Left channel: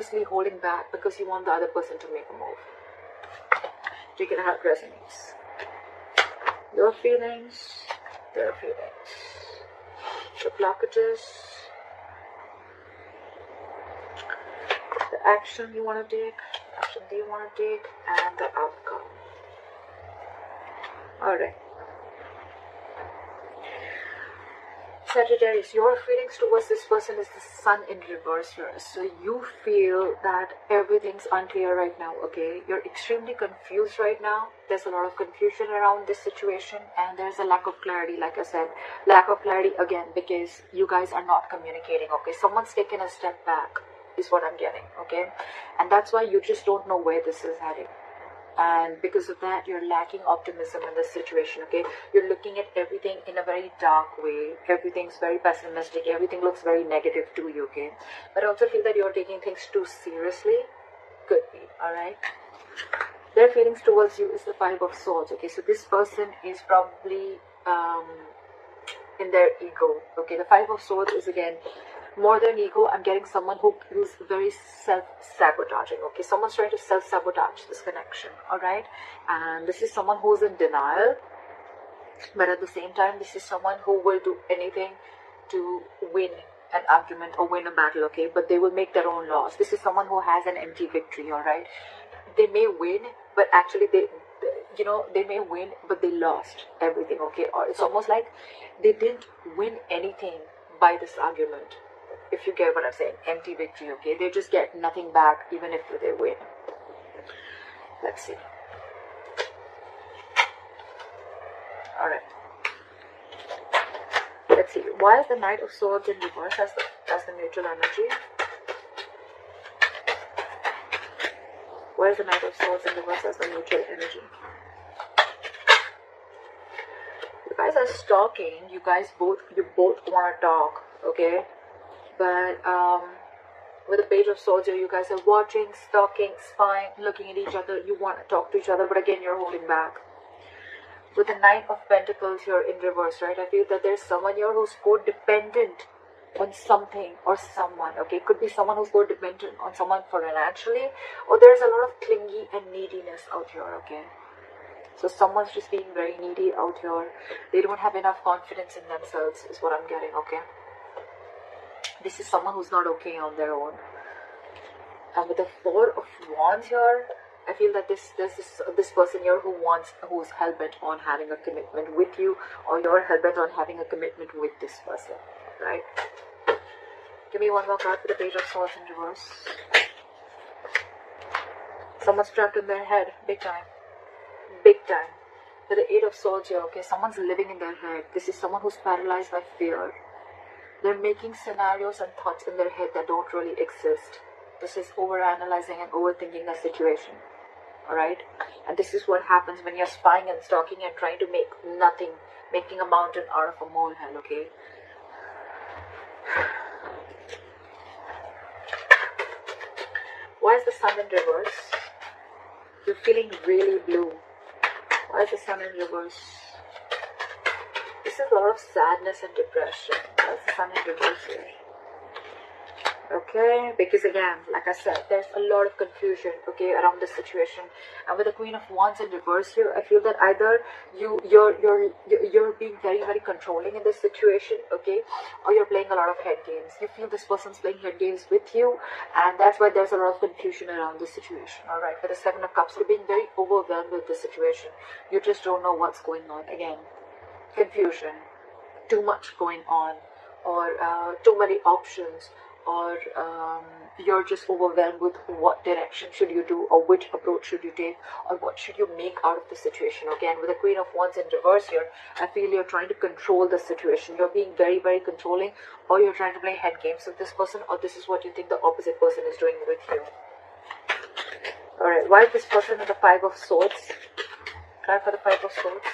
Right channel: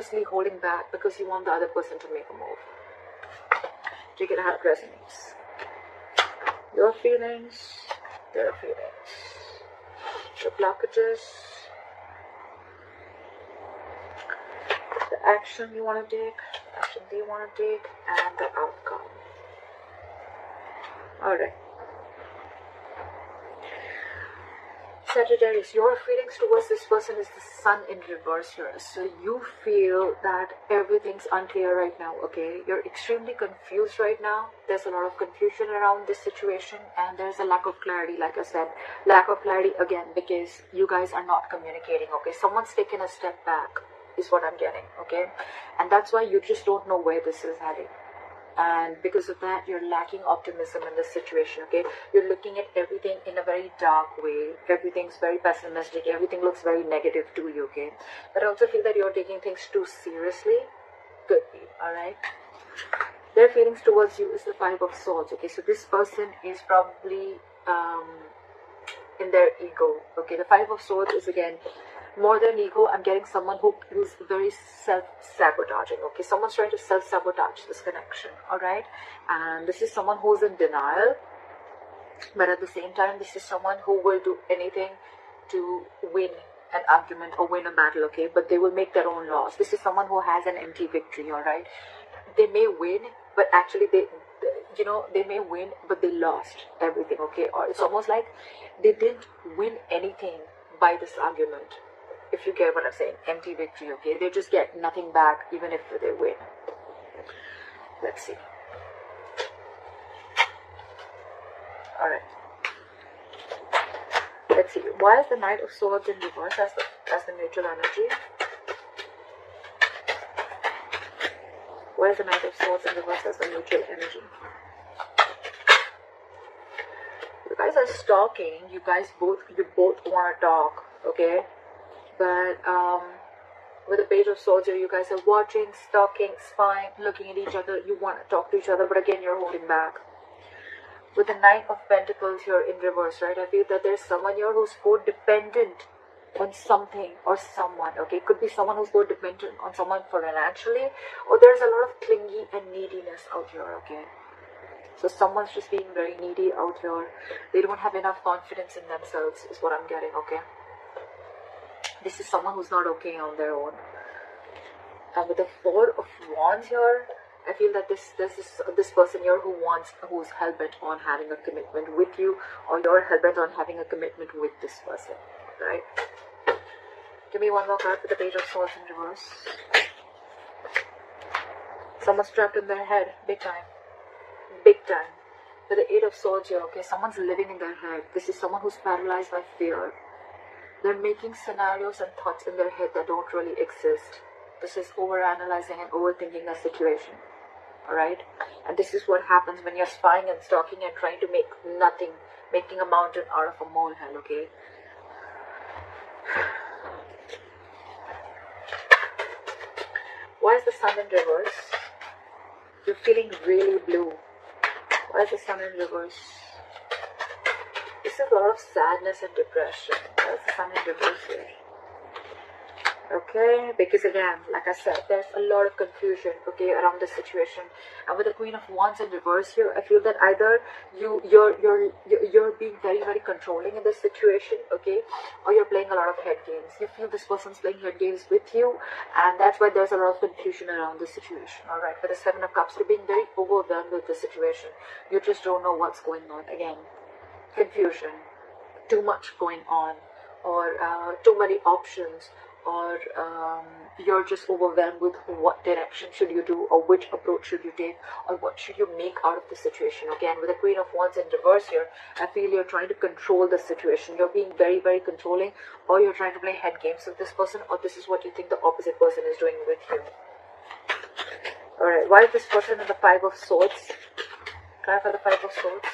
purposely holding back because you want the other person to make a move. Take it how it resonates. Your feelings, their feelings. The blockages. The action you want to take, action they want to take, and the outcome. Alright. Sagittarius, your feelings towards this person is the sun in reverse here. So you feel that everything's unclear right now, okay? You're extremely confused right now. There's a lot of confusion around this situation and there's a lack of clarity, like I said. Lack of clarity again because you guys are not communicating, okay? Someone's taken a step back is what I'm getting, okay? And that's why you just don't know where this is heading. And because of that, you're lacking optimism in this situation, okay? You're looking at everything in a very dark way. Everything's very pessimistic. Everything looks very negative to you, okay? But I also feel that you're taking things too seriously. Could be, alright? Their feelings towards you is the Five of Swords, okay? So this person is probably in their ego, okay? The Five of Swords is, again, more than ego. I'm getting someone who's very self-sabotaging, okay? Someone's trying to self-sabotage this connection, alright? And this is someone who's in denial, but at the same time, this is someone who will do anything to win an argument or win a battle, okay? But they will make their own loss. This is someone who has an empty victory, alright? They may win, but actually they may win, but they lost everything, okay? Or it's almost like they didn't win anything by this argument. If you get what I'm saying, empty victory, okay? They just get nothing back even if they win. Let's see. Alright. Let's see. Why is the Knight of Swords in reverse as the neutral energy? Why is the Knight of Swords in reverse as the neutral energy? You guys are stalking. You both want to talk, okay? But with the Page of Swords here, you guys are watching, stalking, spying, looking at each other. You want to talk to each other, but again, you're holding back. With the Knight of Pentacles here in reverse, right? I feel that there's someone here who's codependent on something or someone, okay? Could be someone who's codependent on someone financially, or there's a lot of clingy and neediness out here, okay? So someone's just being very needy out here. They don't have enough confidence in themselves, is what I'm getting, okay? This is someone who's not okay on their own. And with the Four of Wands here, I feel that there's this person here who's hell-bent on having a commitment with you, or you're hell-bent on having a commitment with this person, right? Give me one more card for the Page of Swords in reverse. Someone's trapped in their head, big time. Big time. And the Eight of Swords here, okay? Someone's living in their head. This is someone who's paralyzed by fear. They're making scenarios and thoughts in their head that don't really exist. This is overanalyzing and overthinking the situation. Alright? And this is what happens when you're spying and stalking and trying to make nothing, making a mountain out of a molehill, okay? Why is the Sun in reverse? You're feeling really blue. Why is the Sun in reverse? This is a lot of sadness and depression. Why is the Sun in reverse here? Okay, because again, like I said, there's a lot of confusion, okay, around this situation. And with the Queen of Wands in reverse here, I feel that either you're being very, very controlling in this situation, okay, or you're playing a lot of head games. You feel this person's playing head games with you, and that's why there's a lot of confusion around the situation. All right, with the Seven of Cups, you're being very overwhelmed with the situation. You just don't know what's going on. Again, confusion, too much going on, or too many options, or you're just overwhelmed with what direction should you do, or which approach should you take, or what should you make out of the situation. Again, with the Queen of Wands in reverse here, I feel you're trying to control the situation. You're being very, very controlling, or you're trying to play head games with this person, or this is what you think the opposite person is doing with you. Alright, why is this person with the Five of Swords? Try for the Five of Swords.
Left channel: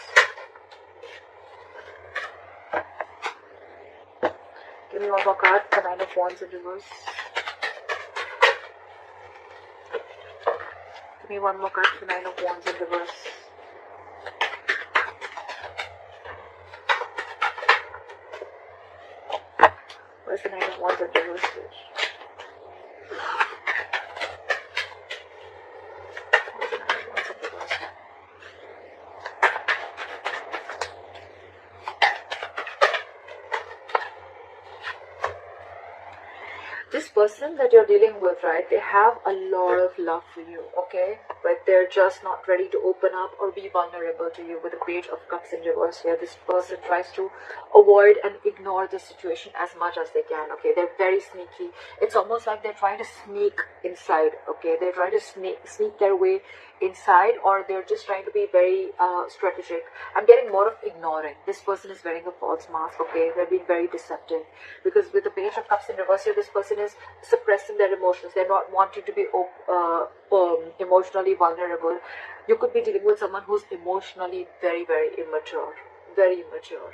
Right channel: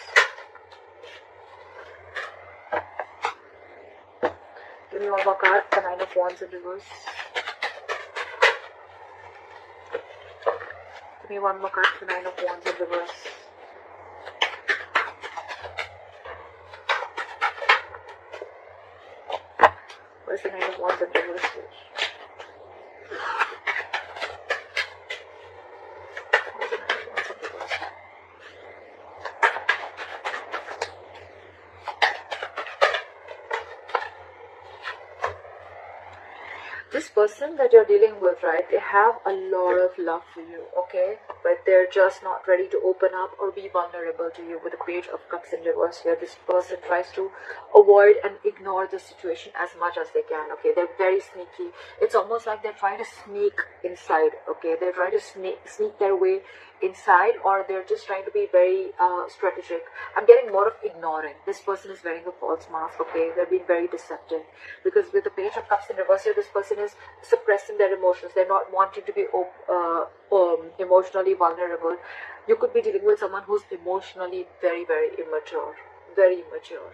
Give me one more card, the Nine of Wands in reverse. Give me one more card, the Nine of Wands in reverse. Where's the Nine of Wands in reverse? person that you're dealing with, right, they have a lot of love for you, okay, but they're just not ready to open up or be vulnerable to you. With the Page of Cups in reverse here, this person tries to avoid and ignore the situation as much as they can, okay. They're very sneaky. It's almost like they're trying to sneak inside, okay. They're trying to sneak their way inside, or they're just trying to be very strategic. I'm getting more of ignoring. This person is wearing a false mask, okay. They're being very deceptive, because with the Page of Cups in reverse here, this person is suppressing their emotions. They're not wanting to be emotionally vulnerable. You could be dealing with someone who's emotionally very, very immature, very immature.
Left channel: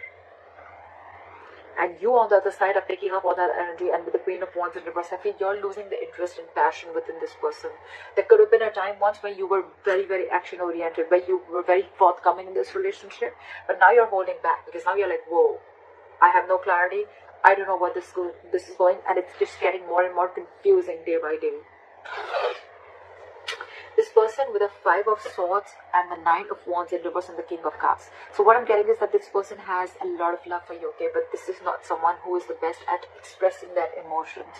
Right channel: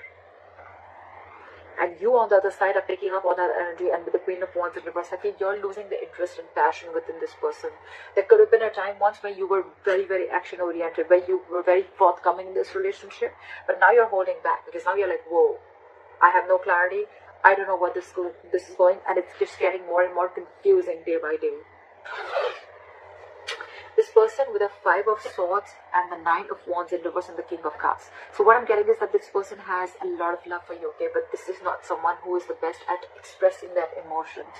And you on the other side are picking up on that energy, and with the Queen of Wands in reverse, I think you're losing the interest and passion within this person. There could have been a time once where you were very, very action oriented, where you were very forthcoming in this relationship, but now you're holding back, because now you're like, whoa, I have no clarity, I don't know where this is going, and it's just getting more and more confusing day by day. This person with a 5 of Swords and the 9 of Wands in reverse and the King of Cups. So what I'm getting is that this person has a lot of love for you, okay, but this is not someone who is the best at expressing their emotions.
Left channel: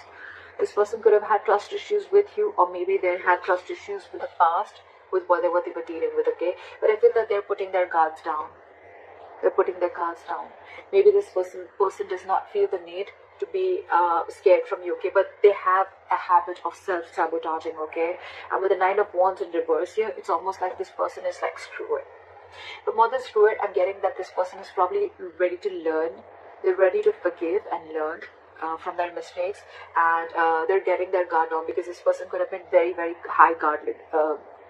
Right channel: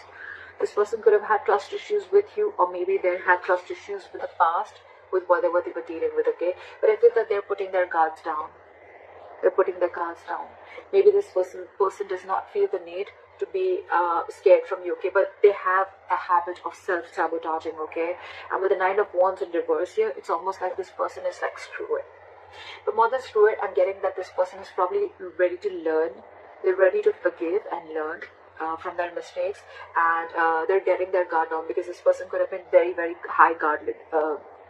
This person could have had trust issues with you, or maybe they had trust issues in the past with whatever they were dealing with, okay, but I feel that they're putting their guards down. They're putting their guards down. Maybe this person does not feel the need to be scared from you, okay, but they have a habit of self-sabotaging, okay. And with the 9 of Wands in reverse here, it's almost like this person is like, screw it. The more than screw it, I'm getting that this person is probably ready to learn. They're ready to forgive and learn from their mistakes, and they're getting their guard down, because this person could have been very, very high guarded.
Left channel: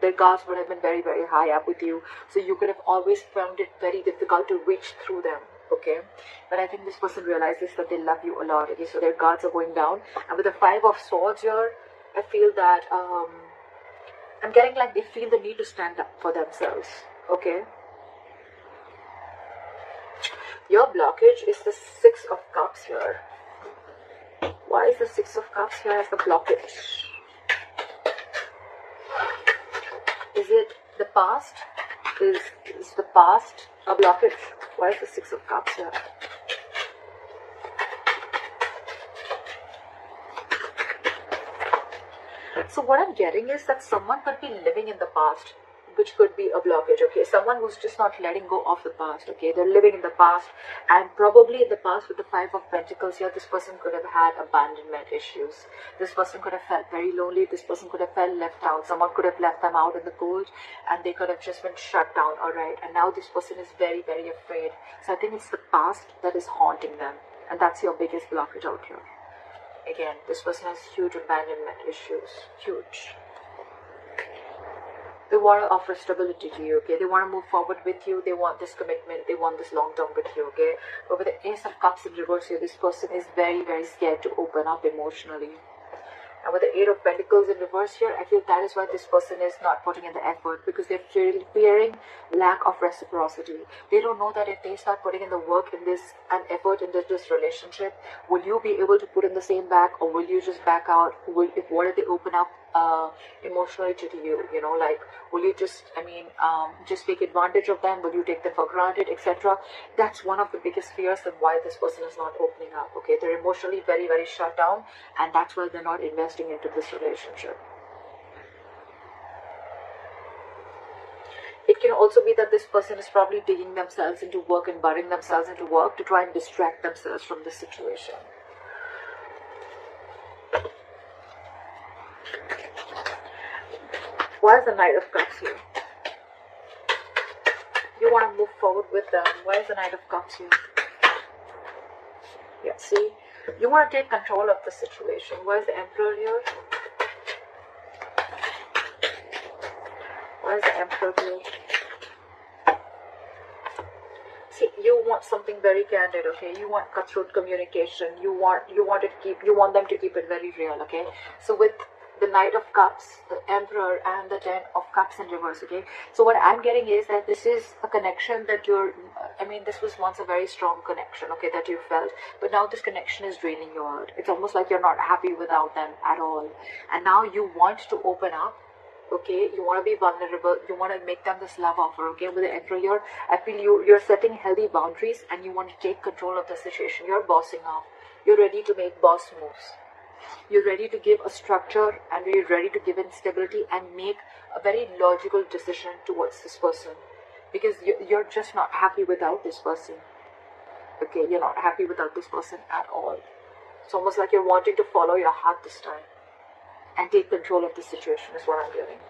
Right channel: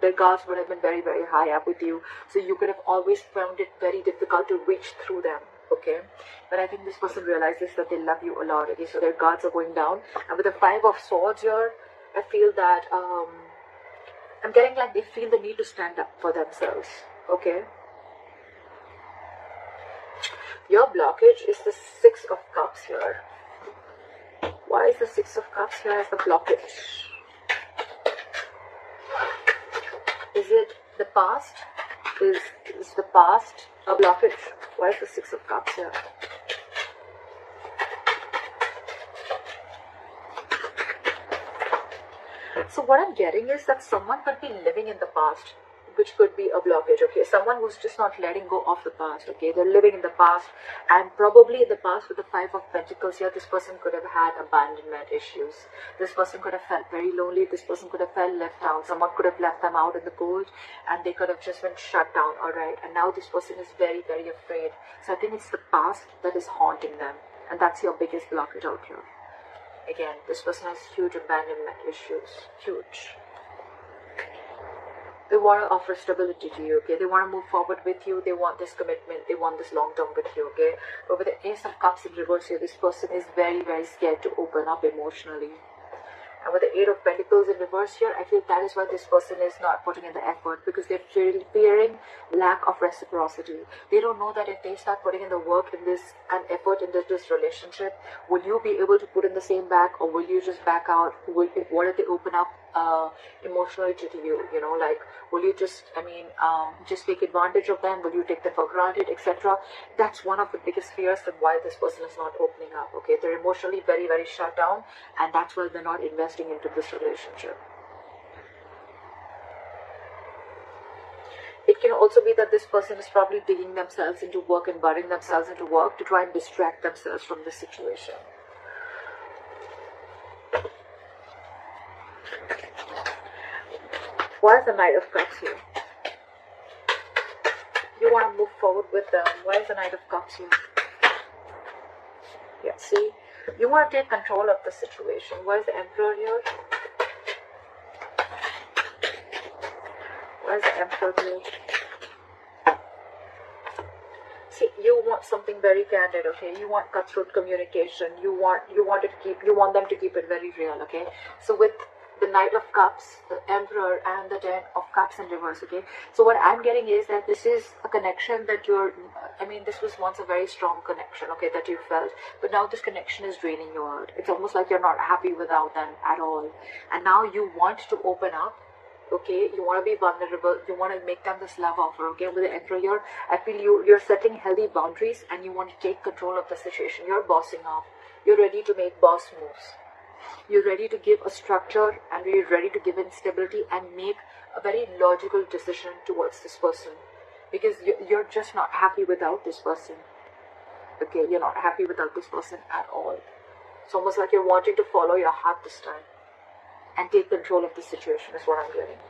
Their guards would have been very, very high up with you, so you could have always found it very difficult to reach through them, okay. But I think this person realizes that they love you a lot, okay, so their guards are going down. And with the 5 of Swords here, I feel that I'm getting like they feel the need to stand up for themselves, okay. Your blockage is the 6 of Cups here. Why is the 6 of Cups here as the blockage? Is it the past? Is the past a blockage? Why is the 6 of Cups here? So what I'm getting is that someone could be living in the past, which could be a blockage, okay. Someone who's just not letting go of the past, okay. They're living in the past, and probably in the past with the 5 of Pentacles here, this person could have had abandonment issues. This person could have felt very lonely. This person could have felt left out. Someone could have left them out in the cold, and they could have just been shut down, alright. And now this person is very, very afraid. So I think it's the past that is haunting them, and that's your biggest blockage out here. Again, this person has huge abandonment issues, huge. They want to offer stability to you, okay. They want to move forward with you. They want this commitment. They want this long term with you, okay. But with the Ace of Cups in reverse here, this person is very, very scared to open up emotionally. And with the 8 of Pentacles in reverse here, I feel that is why this person is not putting in the effort, because they're fearing lack of reciprocity. They don't know that if they start putting in the work and effort into this relationship, will you be able to put in the same back, or will you just back out? What if they open up emotionally to you, you know, like, will you just, just take advantage of them? Will you take them for granted, etc.? That's one of the biggest fears of why this person is not opening up, okay. They're emotionally very, very shut down, and that's why they're not investing into this relationship. It can also be that this person is probably digging themselves into work and burying themselves into work to try and distract themselves from this situation. Why is the Knight of Cups here? You want to move forward with them. Why is the Knight of Cups here? Yeah, see? You want to take control of the situation. Why is the Emperor here? Why is the Emperor here? See, you want something very candid, okay? You want cutthroat communication. You want them to keep it very real, okay? So with the Knight of Cups, the Emperor, and the 10 of Cups in reverse, okay? So what I'm getting is that this is a connection that this was once a very strong connection, okay, that you felt, but now this connection is draining you out. It's almost like you're not happy without them at all. And now you want to open up, okay? You want to be vulnerable. You want to make them this love offer, okay? With the Emperor here, I feel you're setting healthy boundaries, and you want to take control of the situation. You're bossing up. You're ready to make boss moves. You're ready to give a structure and you're ready to give in stability and make a very logical decision towards this person, because you're just not happy without this person. Okay, you're not happy without this person at all. It's almost like you're wanting to follow your heart this time and take control of the situation is what I'm getting.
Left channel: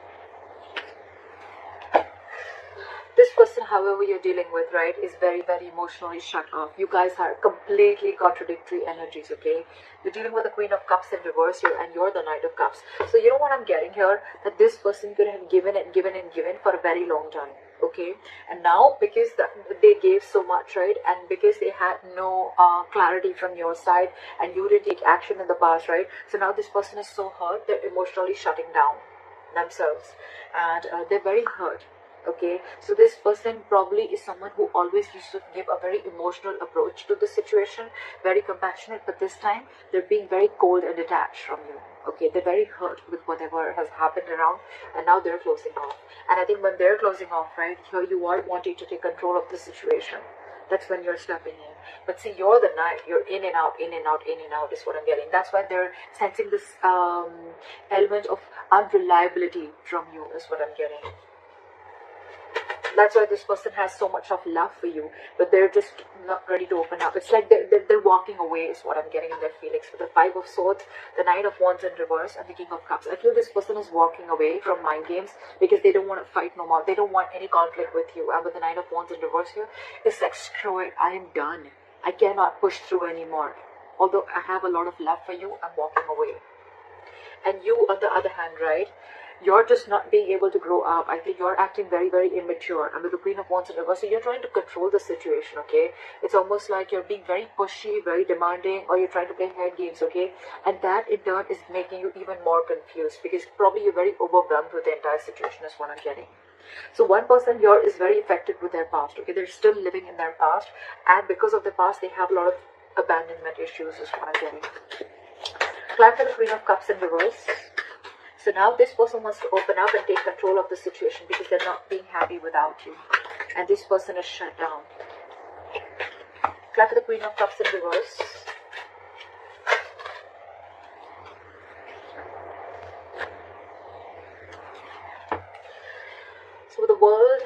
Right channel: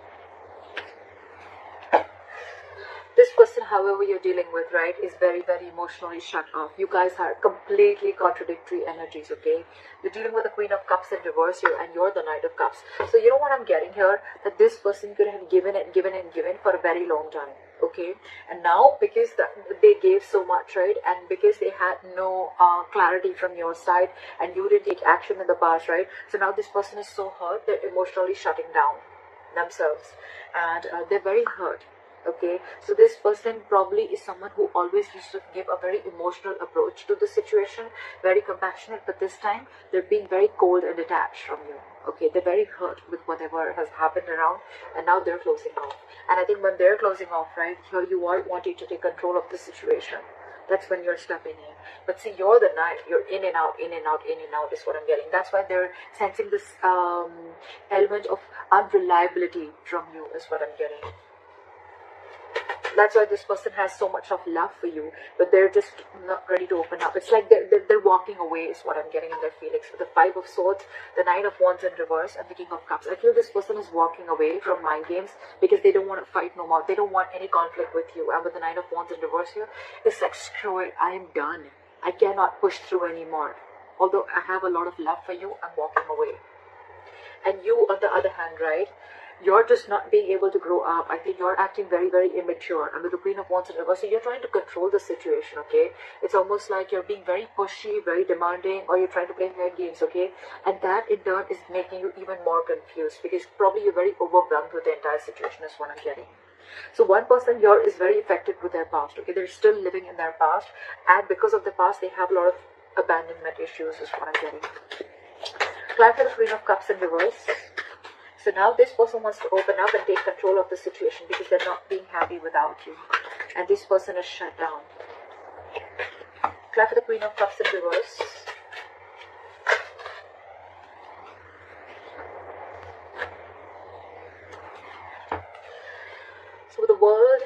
This person, however, you're dealing with, right, is very, very emotionally shut off. You guys are completely contradictory energies, okay? You're dealing with the Queen of Cups in reverse here, and you're the Knight of Cups. So you know what I'm getting here? That this person could have given and given and given for a very long time, okay? And now, because they gave so much, right, and because they had no clarity from your side, and you didn't take action in the past, right? So now this person is so hurt, they're emotionally shutting down themselves, and they're very hurt. Okay, so this person probably is someone who always used to give a very emotional approach to the situation, very compassionate, but this time they're being very cold and detached from you. Okay, they're very hurt with whatever has happened around, and now they're closing off. And I think when they're closing off, right, here you are wanting to take control of the situation. That's when you're stepping in. But see, you're the knight. You're in and out, in and out, in and out is what I'm getting. That's why they're sensing this element of unreliability from you is what I'm getting. That's why this person has so much of love for you, but they're just not ready to open up. It's like they're walking away is what I'm getting in their feelings. With the Five of Swords, the Nine of Wands in reverse, and the King of Cups. I feel this person is walking away from mind games because they don't want to fight no more. They don't want any conflict with you. And with the Nine of Wands in reverse here, it's like, screw it, I am done. I cannot push through anymore. Although I have a lot of love for you, I'm walking away. And you, on the other hand, right, you're just not being able to grow up. I think you're acting very, very immature. And with the Queen of Wands in reverse, so you're trying to control the situation, okay? It's almost like you're being very pushy, very demanding, or you're trying to play mind games, okay? And that, in turn, is making you even more confused because probably you're very overwhelmed with the entire situation is what I'm getting. So one person here is very affected with their past, okay? They're still living in their past. And because of the past, they have a lot of abandonment issues is what I'm getting. Climb for the Queen of Cups in reverse. So now this person wants to open up and take control of the situation because they're not being happy without you. And this person is shut down. Clap for the Queen of Cups in reverse. So the World,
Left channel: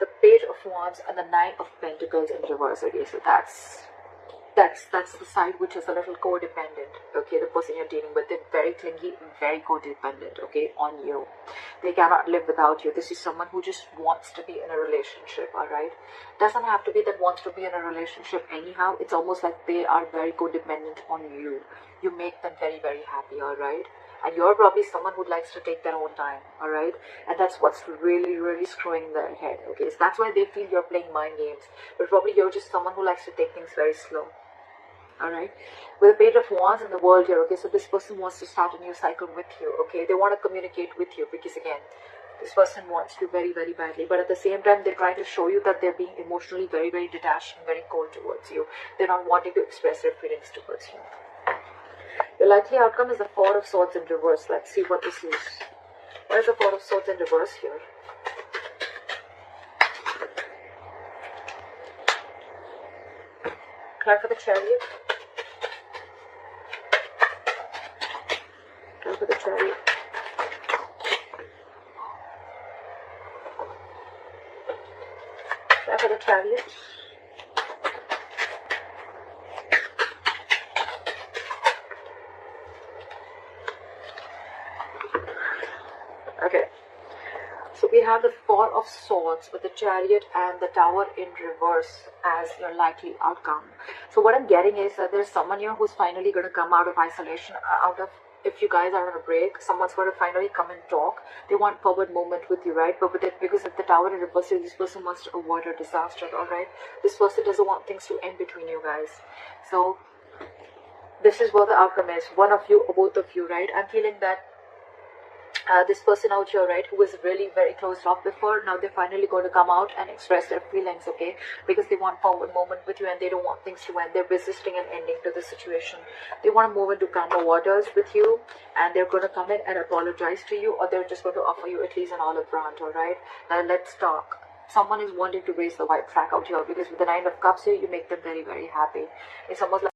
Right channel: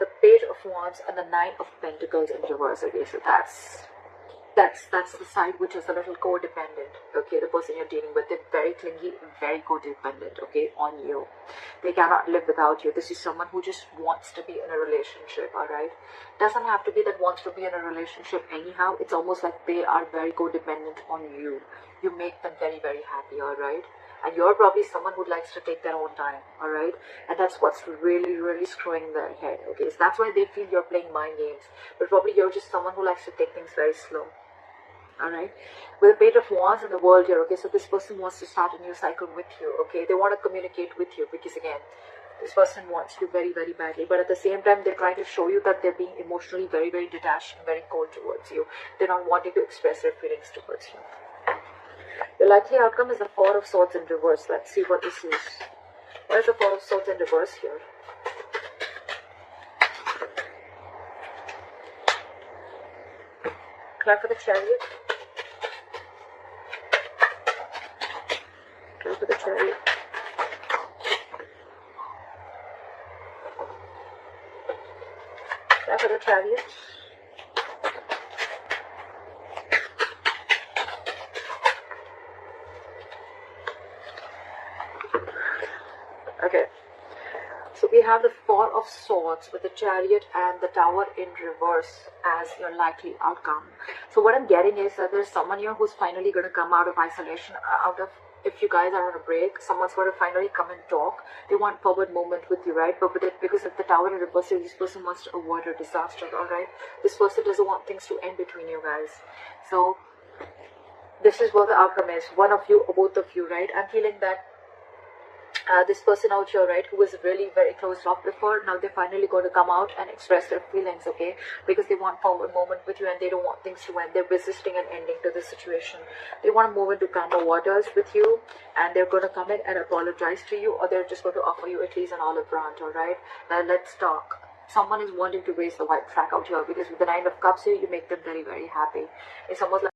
the Page of Wands, and the Knight of Pentacles in reverse. Okay, so that's the side which is a little codependent. Okay, the person you're dealing with, they're very clingy, very codependent, okay, on you. They cannot live without you. This is someone who just wants to be in a relationship, alright? Doesn't have to be that wants to be in a relationship anyhow. It's almost like they are very codependent on you. You make them very, very happy, alright? And you're probably someone who likes to take their own time, alright? And that's what's really, really screwing their head, okay? So that's why they feel you're playing mind games. But probably you're just someone who likes to take things very slow. Alright, with the Page of Wands in the World here, okay, so this person wants to start a new cycle with you, okay, they want to communicate with you because again, this person wants you very, very badly, but at the same time, they're trying to show you that they're being emotionally very, very detached and very cold towards you. They're not wanting to express their feelings towards you. The likely outcome is the Four of Swords in reverse. Let's see what this is. What is the Four of Swords in reverse here? Card for the Chariot. Card for the Chariot. Card for the Chariot. Okay. So we have the Four of Swords with the Chariot and the Tower in reverse as your likely outcome. So what I'm getting is that there's someone here who's finally going to come out of isolation, if you guys are on a break, someone's going to finally come and talk. They want forward movement with you, right? But with it, because of the Tower in reverse, this person wants to avoid a disaster, alright? This person doesn't want things to end between you guys. So this is what the outcome is. One of you or both of you, right? I'm feeling that this person out here, right, who was really very closed off before, now they're finally going to come out and express their feelings, okay, because they want forward movement with you and they don't want things to end. They're resisting an ending to the situation. They want to move into calmer waters with you, and they're going to come in and apologize to you, or they're just going to offer you at least an olive branch, alright? And let's talk. Someone is wanting to raise the white flag out here, because with the Nine of Cups here, you make them very, very happy. It's almost like